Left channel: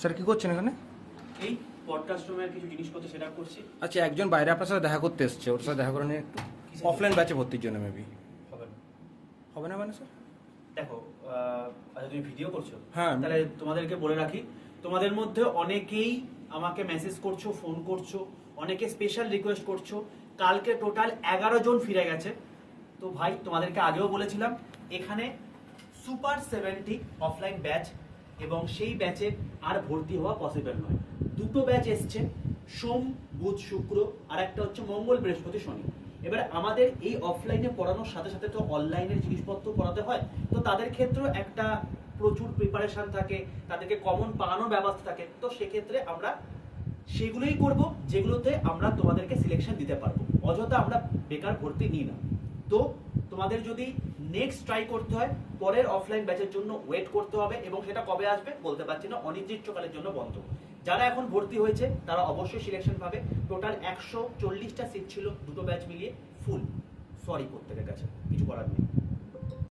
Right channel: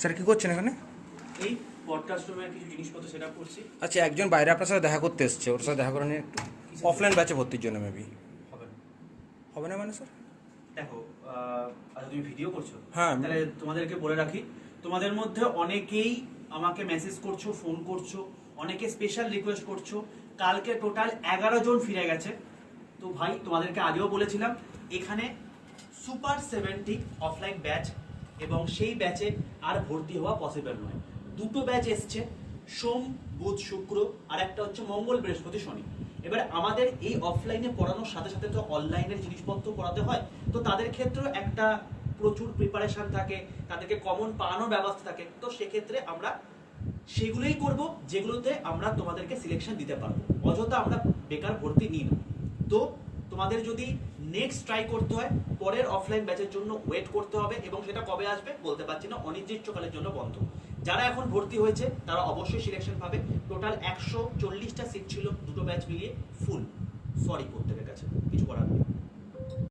Sir কি করছেন এখানে? এই পডকাস্ট রুমের কিছু জিনিসপত্র সেট করছি। আচ্ছা একজন বাইরে আপনার সাথে দেখা করতে এসছে ওর সাথে দেখা করে নিয়ে একটু। অফলাইন ব্যাচে ভর্তির জন্য মেবি হবে না। হবে না মানে স্যার? দেখো আচ্ছা তুমি ভিডিও করছ? হ্যাঁ। তাহলে তোমাদেরকে বলে রাখি তোমাদের মধ্যে অনেকেই আমাকে মেসেজ করছ ফোন করছ অনেকে স্পেশাল রিকোয়েস্ট করছ। কালকে টোটাল এগারো জন ফিরে গেছে। তো ভাই তোমাদেরকে আগেও বলেছিলাম এখানে সুপার সেভেন্টি অফলাইন ব্যাচ এবং সেই ব্যাচে আর ভর্তি হওয়া পসিবল নয়। দুটো ব্যাচ এসছে, সোম, বুধ, শুক্র, আর একটা হচ্ছে মঙ্গল, বৃহস্পতি, শনি। এবার আমাদের এই অফলাইনে পড়ানোর সাথে সাথে তো অনলাইনের জিনিসপত্র পড়াতে হয়, তো তাদের ক্ষেত্রেও একটা প্রচুর প্রিপারেশন থাকে, তাদেরকে কমন পাওয়ানোর ব্যবস্থা থাকে। তো সেক্ষেত্রে আমরা সেগুলোই করব, যেগুলোতে আমরা তোমাদেরকে সিলেকশন দিতে পারব। অযথা আমরা বেকার ভর্তি নিই না। তো তোমাদের যদি নেক্সট ট্রাই করতে হয়, পরের অফলাইন ব্যাচের জন্য ওয়েট করতে হবে এবং সেটা কবে আসবে বলতে পারছি না, অনির্দিষ্টকালের জন্য বন্ধ। যারা এখন ভর্তি হয়েছে, তারা অবশ্যই সিলেকশন পাবে। টোটাল একশো চল্লিশটা সিট ছিল দুটো ব্যাচ মিলিয়ে ফুল সরি প্রত্যেকের কাছে, কিছু করার নেই।